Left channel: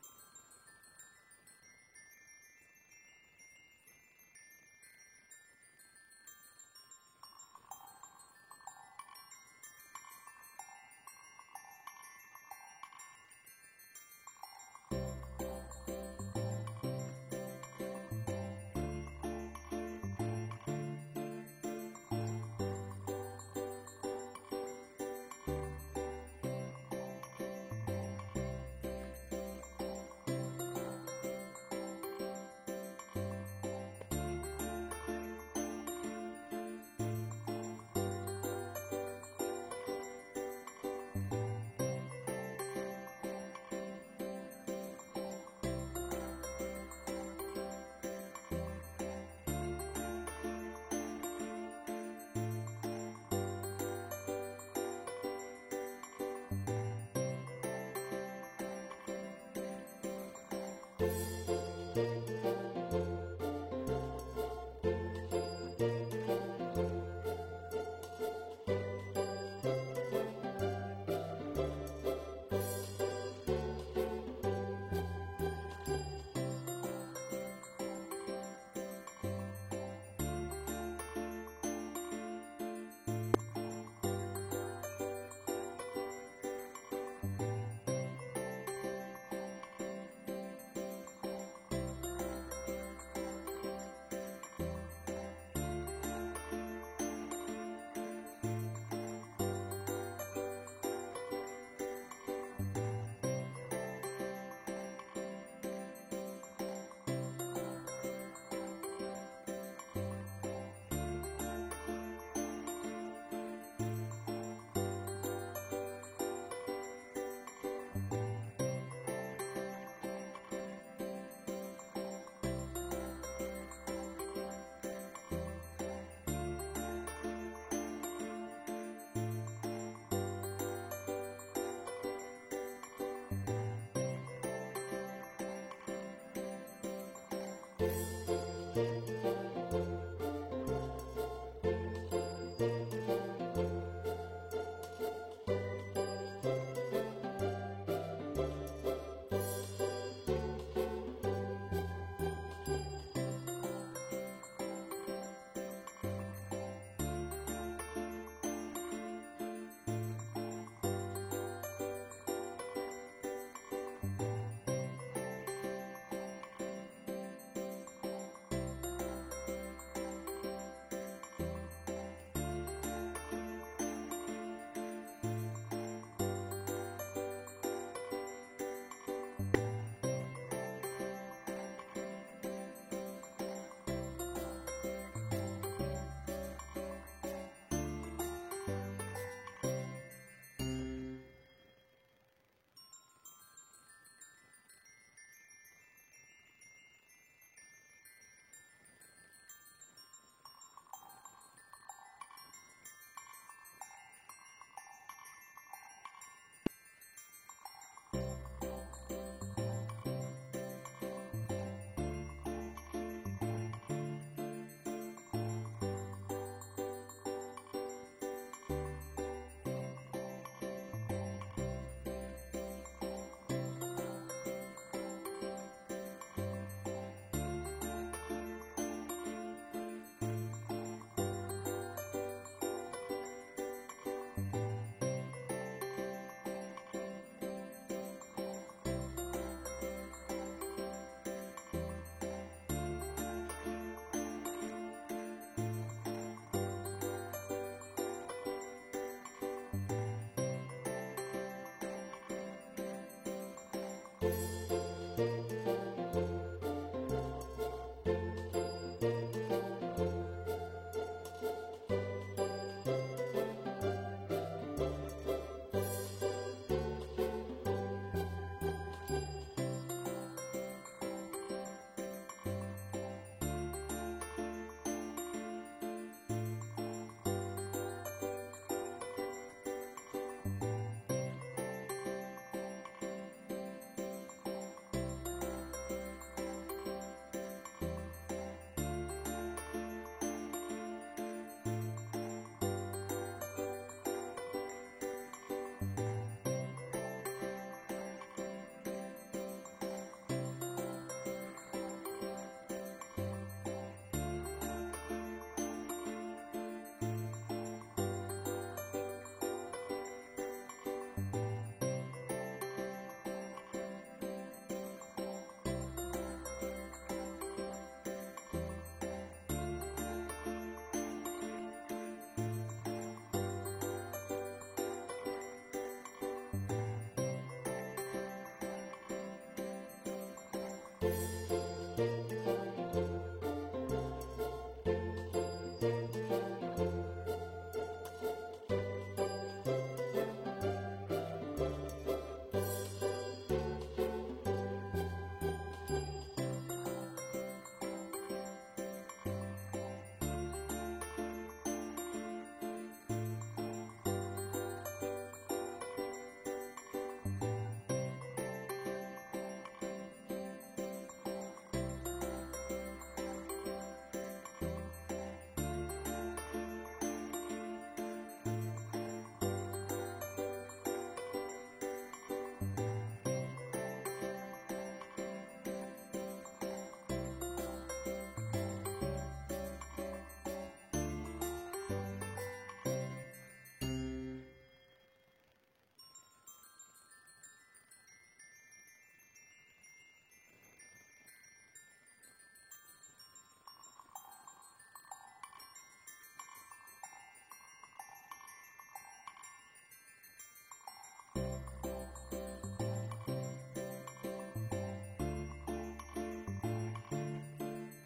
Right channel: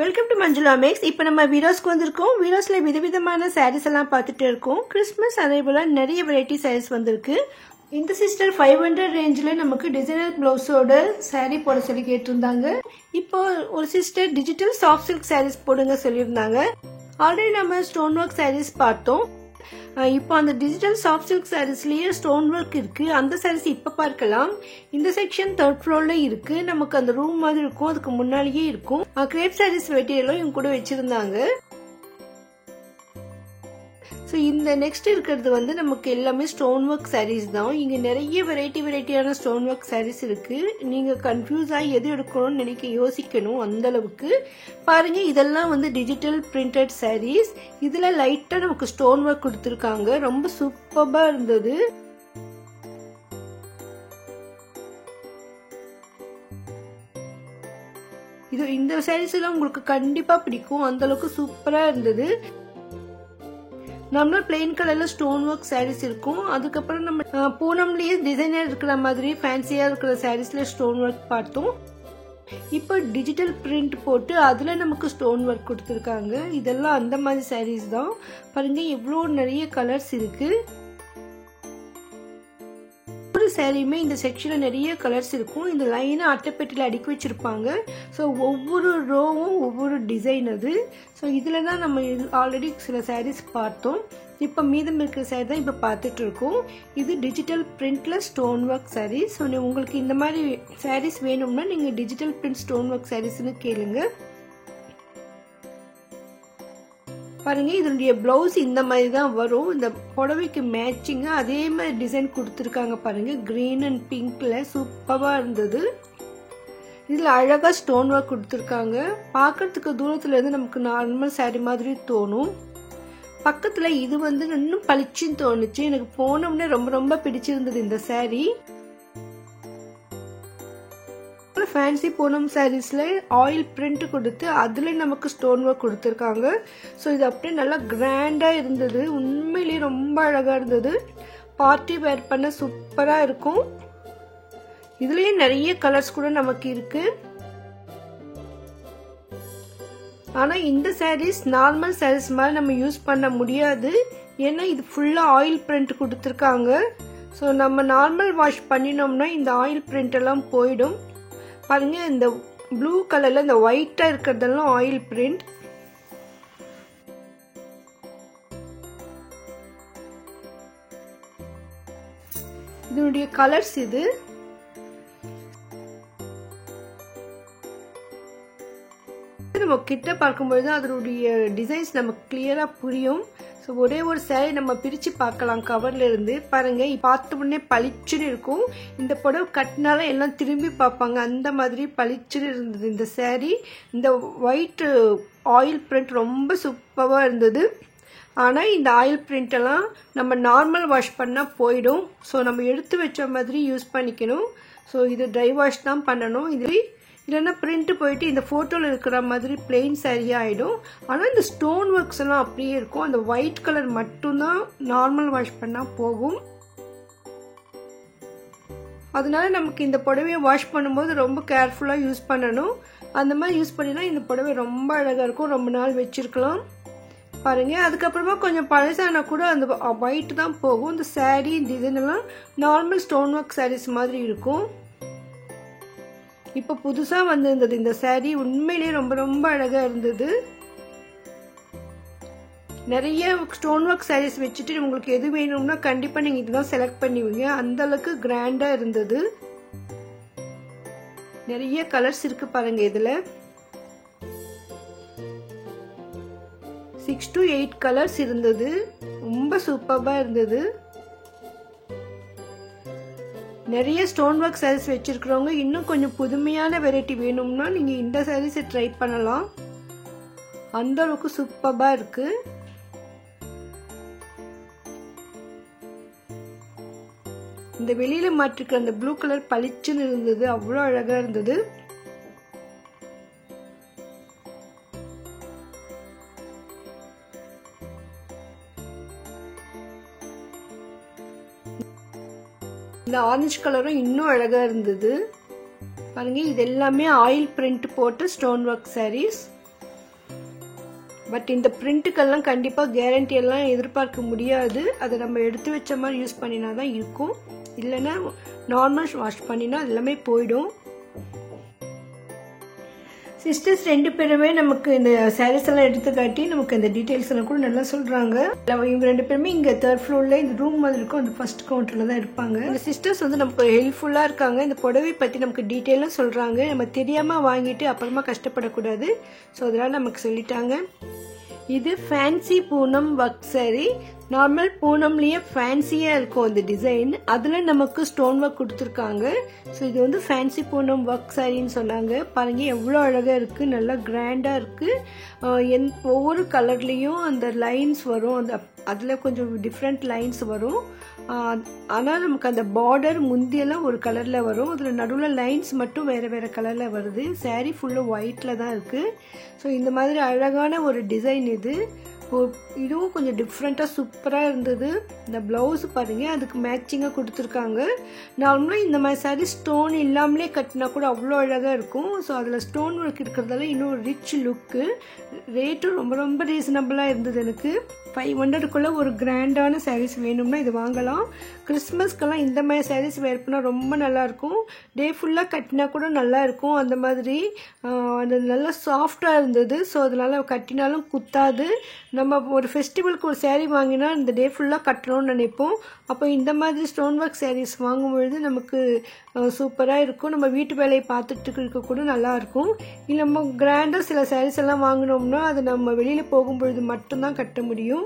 Welcome to Manjula maths. இப்போ நம்ம வீராஸ்க்கு வந்திருக்கோம். வீராஸில் விதவிதமான சாரீஸ் எல்லாம் பார்த்துட்டு இருக்கோம். கிறிஸ்மஸ் அதே போல் நிறைய வெரைட்டி சாரீஸ் வந்திருக்கு. இந்த சிஸ்டர் 500 ரேஞ்சில் நமக்கு டிசைனர் ப்ளவுஸோட சாரீ போட சொல்லி கேட்டிருந்தாங்க. இப்போ ஒரு sister digital soft silk saris போடுங்க சொல்லியிருந்தாங்க. ஆல்ரெடி நம்ம ஸ்டோன் ஒர்க் சாரீஸ் பார்த்தோம். இப்போ அந்த டிஜிட்டல் சாஃப்ட் சில்க் சாரீஸ்லயே ஸ்டோன் ஒர்க் இருக்கு. அந்த சாரீஸ் இப்போ பார்க்கலாம். இந்த செக்ஷன் 3rd ஃப்ளோர்ல இருக்கு. நமக்கு அந்த ரூம் மாதிரி இருக்கும், அதுக்கு முன்னாடியே இருக்கும். கிரேப் சாரீஸ் மெட்டீரியலும் இவங்க கூட வச்சிருந்தாங்க. ஸோ இந்த நெக்ஸ்ட் இருக்கிறது வந்து நமக்கு எல்லாமே ஸ்டோன் ஒர்க் சாரீஸ் தான். இங்கே நிறைய வெரைட்டியான ஸ்டோன் ஒர்க் சாரீஸ் இருக்கு. நீங்கள் கன்ஃபியூஸ் ஆகி எது எடுக்கணும்னு யோசிக்கணும் அந்த அளவுக்கு. பாருங்க, இதெல்லாம் வந்து டிஜிட்டல் பிரிண்டட் சாரீஸ். இதில் லைட்டாக நமக்கு ஸ்டோன் ஒர்க் கொடுத்துருக்காங்க. ரொம்ப சூப்பராக இருந்தது. இந்த சாரீஸ் எல்லாம் உங்களுக்கு கண்டிப்பா பிடிக்கும். அந்த அளவுக்கு சூப்பரா இருந்தது. நம்மள பிளெயின் கலர்ல ஸ்டோன் ஒர்க் சாரீஸ் இருக்கும். அதுக்கப்புறம் நம்ம பூனம்லயே டிசைனர் இருக்கிற மாதிரி ஃபேன்சியா இருக்கிற சாரீஸ்ல ஸ்டோன் ஒர்க் பார்த்தோம். இப்போ டிஜிட்டல் பிரிண்ட் போட்டு அதுல நமக்கு ஸ்டோன் ஒர்க் கொடுத்துருக்காங்க. இதெல்லாம் அந்த மாதிரி சாரீஸ் தான். பாருங்க, எவ்வளோ நிறைய கலர்ஸ் இருக்கு. ஒவ்வொரு சாரியுமே இந்த செக்ஷன்ல நிறைய கலர்ஸ் இருக்கும். இந்த லைனை அட்டைப்பெட்டியில் அடுக்கி வச்சிருப்பாங்க. ஸோ ஒவ்வொரு ரோவும் ஒவ்வொரு டிசைன் அது. ஸோ இதில் தான் நம்ம ஆல்ரெடி சில சாரீஸ் பார்த்தோம். இப்போ மீதம் இருக்கிற சாரீ தான் இப்போ பார்த்துட்டு இருக்கோம். இது டிஜிட்டல் பிரிண்ட்ல ஸ்டோன் ஒர்க் சாரீஸ். ஸோ உங்களுக்கு இந்த மாதிரி சாரீஸ் வேணும்னா நீங்கள் டிஜிட்டல் பிரிண்ட் ஸ்டோன் ஒர்க் சாரீஸ்னு கேளுங்க. பாருங்க, இதனுடைய பிளவுஸ் இந்த மாதிரி தான் வரும். இந்த புடவைக்கு மேட்சிங்கா அதே மாதிரி டிசைன் கொடுத்துருக்காங்க. பாருங்க, கிரீன் அண்ட் பிங்க்ல சூப்பரா இருந்தது. இதுல அழகா ஸ்டோன் ஒர்க் கொடுத்துருக்காங்க. பார்க்கறதுக்கு தூரத்துல இருந்து நமக்கு நார்மல் சாரி மாதிரி தோணும். பக்கத்துல இது வந்து இன்னும் பளிச்சுன்னு தோணுச்சு. எனக்கு போனோம்னே ரொம்ப பிடிச்சிருந்தது இந்த சாரி. ஃபேன்சி பூனம் சாரீஸ்ல ஆயில் பிரிண்ட் கொடுத்து அதுல நமக்கு ஸ்டோன் ஒர்க் கொடுத்துருக்காங்க. ஸோ இது அப்படியே நல்லா கிராண்டா இருந்தது. உண்மையிலேயே ரொம்ப அழகா இருந்தது. பார்ட்டி வேர் பண்ண சூப்பரா இருக்கும். இதுலயே நிறைய கலர்ஸ் கூட நமக்கு இருக்கு. ஆனா இந்த சாரீஸ் நார்மல் சாரீஸ் மாதிரி நம்ம யூஸ் பண்ண முடியாது. ஏன்னா இது ஃபுல்லா ஆயில் பிரிண்ட் கொடுத்துருக்காங்க. ஸோ நம்ம நார்மல் வாஷ் பண்ணினோம்னா இந்த ஆயில் பிரிண்ட் எல்லாம் போயிடும். பாருங்க, இந்த ப்ளூ கலர்ல இந்த ஒயிட்டா இருக்கிறதெல்லாம் ஆயில் பிரிண்ட். இதனுடைய கலர்ஸ் இது. நம்ம கிட்ட பார்க்கும்போது அதனுடைய டிசைன்ஸ் நமக்கு கிளியரா புரியும். ஸோ ஒரே ஒரு சாரி நம்ம பிரித்து பார்க்கலாம் கவர்ல இருந்து. பாருங்க, பார்த்த உடனே பளிச்சுன்னு இருக்கும். இந்த புடவை கட்டினாலும் எல்லாம் திரும்பி பார்ப்பாங்க, அந்த மாதிரி பளிச்சுன்னு இருந்தது இந்த சாரி. இந்த ஒயிட் ஆயில் பிரிண்ட் ரொம்ப சூப்பராக இருந்தது. ஆனால் இந்த ஆயில் பிரிண்ட் எல்லாம் நம்ம நார்மல் வாஷ் பண்ணால் போயிடும். ஸோ நம்ம எடுத்து வச்ச மாதிரி யூஸ் பண்ணிக்கணும். ஸோ இது ட்ரை வாஷ் தான் பண்ணணும். இது இல்லைன்னா பிரிண்ட் போயிட்டு இந்த ஃபோட்டோவில் இருக்கிற மாதிரி பிளெயின் சாரியாக ஆகிடும். ஆனால் இந்த ஸ்டோன் ஒர்க்ஸ் எல்லாம் அப்படியே இருக்கும். அந்த ஒயிட் கலர் மட்டும்தான் நார்மல் வாஷ் பண்ணால் போகும். அதனால நமக்கு இந்த புடவையை வாஷ் பண்ணும்போது ரொம்ப கேர்ஃபுல்லாக யூஸ் பண்ணணும். அந்த மாதிரி யூஸ் பண்ணினா இந்த புடவை ரொம்ப அழகாக இருக்கும். ரொம்ப நாள் வச்சிருக்கலாம். பாருங்க, அதுக்கப்புறமா கொஞ்சம் பழசானா கூட அந்த ஒயிட் தான் போகும். இந்த சாரீ இந்த இதெல்லாம் நார்மல் ஸ்டோன் ஒர்க் சாரீஸ் மாதிரி இருக்கும். இப்போ புதுசா வந்திருந்தது இந்த சாரி. உண்மையிலேயே ரொம்ப அழகா இருந்தது. நிறைய ஸ்டோன் ஒர்க் சாரீஸ் வச்சுட்டு உங்களுக்கு எது வேணும்னா கண்டிப்பா நீங்க இதுதான் செலக்ட் பண்ணுவீங்க. அந்த அளவுக்கு கிராண்டா இருந்தது. நிறைய கலர்ஸ் இருக்கு பாருங்க. இதுல 6 to 8 கலர்ஸ் இருந்தது. ரொம்ப சூப்பரா இருந்தது. நிறைய ஸ்டோன் ஒர்க் சாரீஸ் வச்சிருக்கிறவங்க இன்னும் கொஞ்சம் புதுமையான வெரைட்டி வேணும்னா நீங்க இந்த சாரீஸை ட்ரை பண்ணலாம். அந்த அளவுக்கு சூப்பரா இருக்கு. இந்த வெளியில மாட்டிருக்கிற அந்த ப்ளூ கலர் பளிச்சுன்னு இருந்தது. அவ்வளோ அழகா இருந்தது. இந்த ஆரஞ்சு கலரும் இன்னும் அழகா இருந்தது. பாருங்க, இது எல்லாமே ஆயில் பிரிண்ட் போட்டு ஸ்டோன் ஒர்க் சாரீஸ். பட் இந்த பிரிண்ட்டுக்கெல்லாம் கண்டிப்பாக கேரண்டி எல்லாம் எதிர்பார்க்க முடியாது. அதை நம்ம எடுத்து வச்ச மாதிரி யூஸ் பண்ணினா தான் இருக்கும். இல்லைன்னா நார்மல் வாஷ் பண்ணினா எல்லாமே போயிடும். சிஸ்டர்ஸ் 2 பேருமே நமக்கு இந்த சாரீஸ் எல்லாம் எடுத்து காட்டி நமக்கு இந்த டீட்டெயில்ஸ் எல்லாம் கூட நல்லா சொல்கிறாங்க. இவங்க 2 பேருமே இங்கே 3rd ஃப்ளோரில் இந்த ரூம் மாதிரி இருக்கும், அந்த ஃபர்ஸ்ட் கவுண்டரில் தான் இருப்பாங்க. இந்த சிஸ்டர்ஸ் வந்து நமக்கு ஹெல்ப்ஃபுல்லாக இருக்காங்க. இந்த புடவை பற்றி நமக்கு டீட்டெயிலாக சொல்கிறாங்க. நம்ம தெரியாமல் வாங்கிட்டு அப்புறமா கஷ்டப்படக்கூடாது. ஸோ அதனால் நமக்கு சொல்லிட்டாங்க. இது fancy Poonam work saree. Normal பூனம்லேயே ஃபேன்சியாக இருக்கும் அந்த டிசைன். அதில் நமக்கு ஸ்டோன் ஒர்க் கொடுத்துருக்காங்க. ஸோ இது வந்து ஃபேன்சி பூனம் ஒர்க் சாரின்னு சொன்னாங்க. பாருங்கள் எவ்வளோ அழகாக இருக்குது, நல்லா கிராண்டாக இருக்குது. ஒவ்வொரு கலர்லேயும் அந்த லைன்ஸ் வரும், அதில் கொஞ்சம் டிஃப்ரெண்ட் லைன்ஸ் வரும். ஆனால் நமக்கு அந்த பார்டர் முந்தியெல்லாம் ஒரு கலரில் வரும், அதில் நடுவில் லைன்ஸ் மட்டும் வேறு வேறு கலரில் வருது. சாரீ ஃபுல்லாக ஒயிட்டில் தான் இருக்குது. ஸோ இந்த மாதிரி அழகான ஒரு டிசைன் இது. இதுவும் கொஞ்சம் டிஃப்ரெண்ட்டாக சூப்பராக இருந்தது. இந்த ப்ளவுஸ் பாருங்கள், அதுக்கு மேட்சிங்காக கொடுத்துருக்காங்க. நார்மலாக இந்த மாதிரி சாரீ ஸ்டோன் இல்லாமலே கட்டினா கூட அவ்வளோ அழகாக இருக்கும். ஸோ அதில் ஸ்டோன் ஒர்க் இருக்கிறதால இன்னும் ரிச் லுக்கு. ரேட்டும் ரொம்ப ரொம்ப ரீசனபிளாக இருந்தது. எனக்கு 500க்குள்ளே ஒரு கிராண்டான சாரீஸ் வேணும்னா இது வாங்கலாம். கிறிஸ்மஸ்க்கெல்லாம் இந்த மாதிரி சாரீஸ் வேர் பண்ணால் ரொம்ப நல்லாயிருக்கும். டே ஃபுல்லாக கட்டினா கூட நல்லாயிருக்கும். அந்த மாதிரி அது நல்லா சாஃப்டாக இருந்தது. ஸோ அதனால் கட்டினாலும் குத்தாது. நம்ம ஒரு ஃபெஸ்டிவலுக்கு ஒரு சாரீ வாங்கினா இந்த டே ஃபுல்லாக கட்டணும்னு நினைப்போம். அப்போ இந்த மாதிரி ஸ்டோன் ஒர்க் சாரீஸ் வாங்கும்பொழுது நமக்கு சூப்பராக இருக்கும். நம்ம வீட்டு வேலையை பார்த்துட்டு இருக்க கூட நல்லாயிருக்கும். இல்லை நம்ம கிராண்டாக சில சாரீஸ் எல்லாம் வாங்கினோம்னா அது நம்ம வெளியில் போகும்பொழுது மட்டும்தான் கட்ட முடியும்.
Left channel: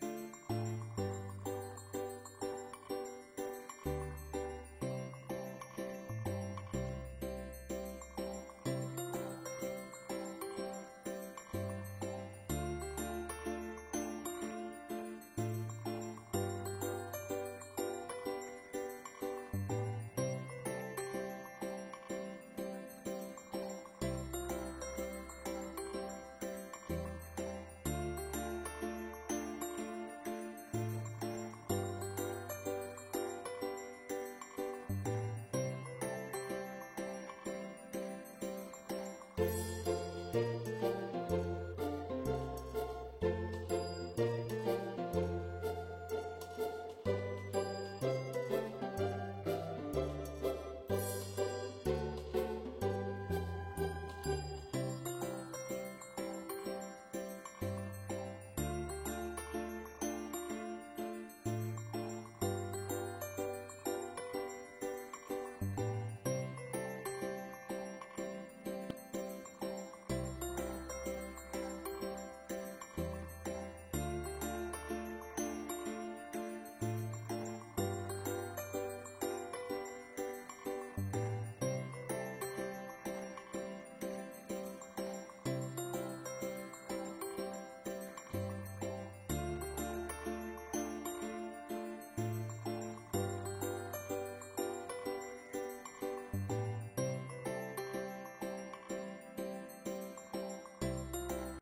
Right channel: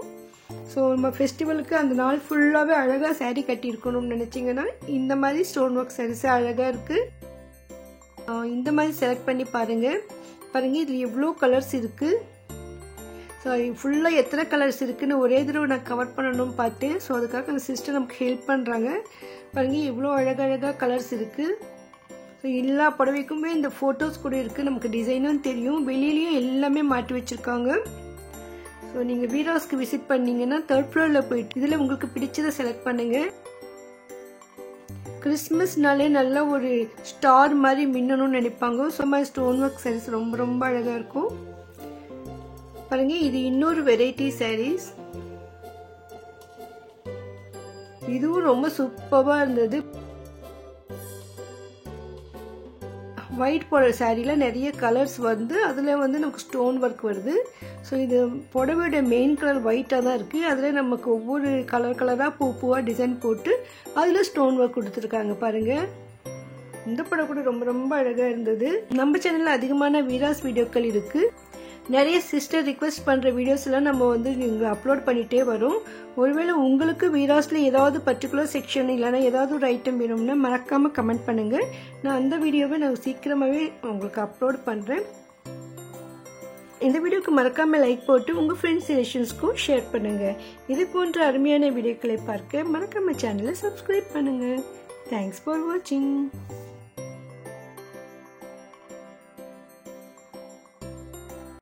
ஸோ நம்ம ஃபெஸ்டிவலுக்கு அந்த நாள் ஃபுல்லாகவே அழகாக சாரீ கட்டியிருக்கணும்னு நினச்சிங்கன்னா இந்த மாதிரி ஸ்டோன் ஒர்க் சாரீஸே அழகாக இருக்குது. இந்த மாதிரி செலக்ட் பண்ணி பாருங்கள். இதில் எவ்வளோ கலர்ஸ் இருக்குது. ஸோ ஃபுல்லாக எத்தனை கலர்ஸ் இருக்குதுன்னு ஒரே தடவை நான் கவர் பண்ணணும்னு பார்த்தேன். ஸோ அதுக்காக அந்த சிஸ்டர் நமக்கு ஹெல்ப் பண்ணுறாங்க. பாருங்கள் எவ்வளோ அழகழகாக கலர்ஸ் இருக்குது. ஸோ எல்லா புடவைக்குமே இந்த ஃபோட்டோஸ் கூட இருக்குது. நமக்கு டிசைனும் தெரியும். வெளியிலையும் எல்லாமே மாட்டி வச்சுருக்காங்க. ஸோ நீங்கள் வீராஸ்க்கு விசிட் பண்ணிங்கன்னா 3rd ஃப்ளோரில் போயிட்டு இதில் உங்களுக்கு பிடிச்சதை செலக்ட் பண்ணுங்கள். கிறிஸ்மஸ்னாலே நல்லா ஒரு ஸ்டார் மாதிரி மின்னணும்னு நினைப்பாங்க. ஸோ மாதிரி ஸ்டோன் ஒர்க் சாரீஸ் ரொம்ப ரொம்ப அழகாக இருக்கும். பாருங்கள் இது இன்னொரு வெரைட்டி சாரீஸ். இதுவும் ரொம்ப சூப்பராக இருந்தது. ஒயிட் போடுற சாரியில் நிறைய கலர்ஸ் வந்து அதில் வந்து நமக்கு ஸ்டோன் ஒர்க் வருது. ஸோ இது புடவையோட மெயின் கலர் ஒயிட்டாக தான் இருக்குது. அதில் நமக்கு ஒவ்வொரு கலராக பூவாக டிசைன் போட்டு அதில் ஸ்டோன் ஒர்க் கொடுத்துருக்காங்க. பாருங்கள் இந்த படம் கூட ரொம்ப ரொம்ப அழகாக இருந்தது. நம்ம சேனலில் அதிகமான வீராஸ் வீடியோக்கள் இருக்குது. நிறைய சிஸ்டர் ரிக்வெஸ்ட் பண்ணுற வீடியோஸ்லாம் நம்ம வந்து இங்கே அப்லோட் பண்ணிகிட்டே வரும். ஒருவேளை உங்களுக்கு வீராஸில் ஏதாவது பர்டிகுலர் செக்ஷன் இல்லைனா ஏதாவது ஒரு ஐட்டம் வேணும்னா மறக்காமல் கமெண்ட் பண்ணுங்கள். நான் அந்த வீடியோவை நான் சீக்கிரமாகவே உங்களுக்கு அப்லோட் பண்ணுறேன். இந்த வீடியோக்கு மறக்காமல் லைக் போட்டு உங்கள் ஃப்ரெண்ட்ஸ் ரிலேஷன்ஸ்க்கும் ஷேர் பண்ணுங்கள். இது போன்ற அருமையான வீடியோக்களை பார்க்க மறக்காமல் சேனலை சப்ஸ்கிரைப் பண்ணுங்கள். தேங்க்ஸ் ஃபார் வாட்சிங்.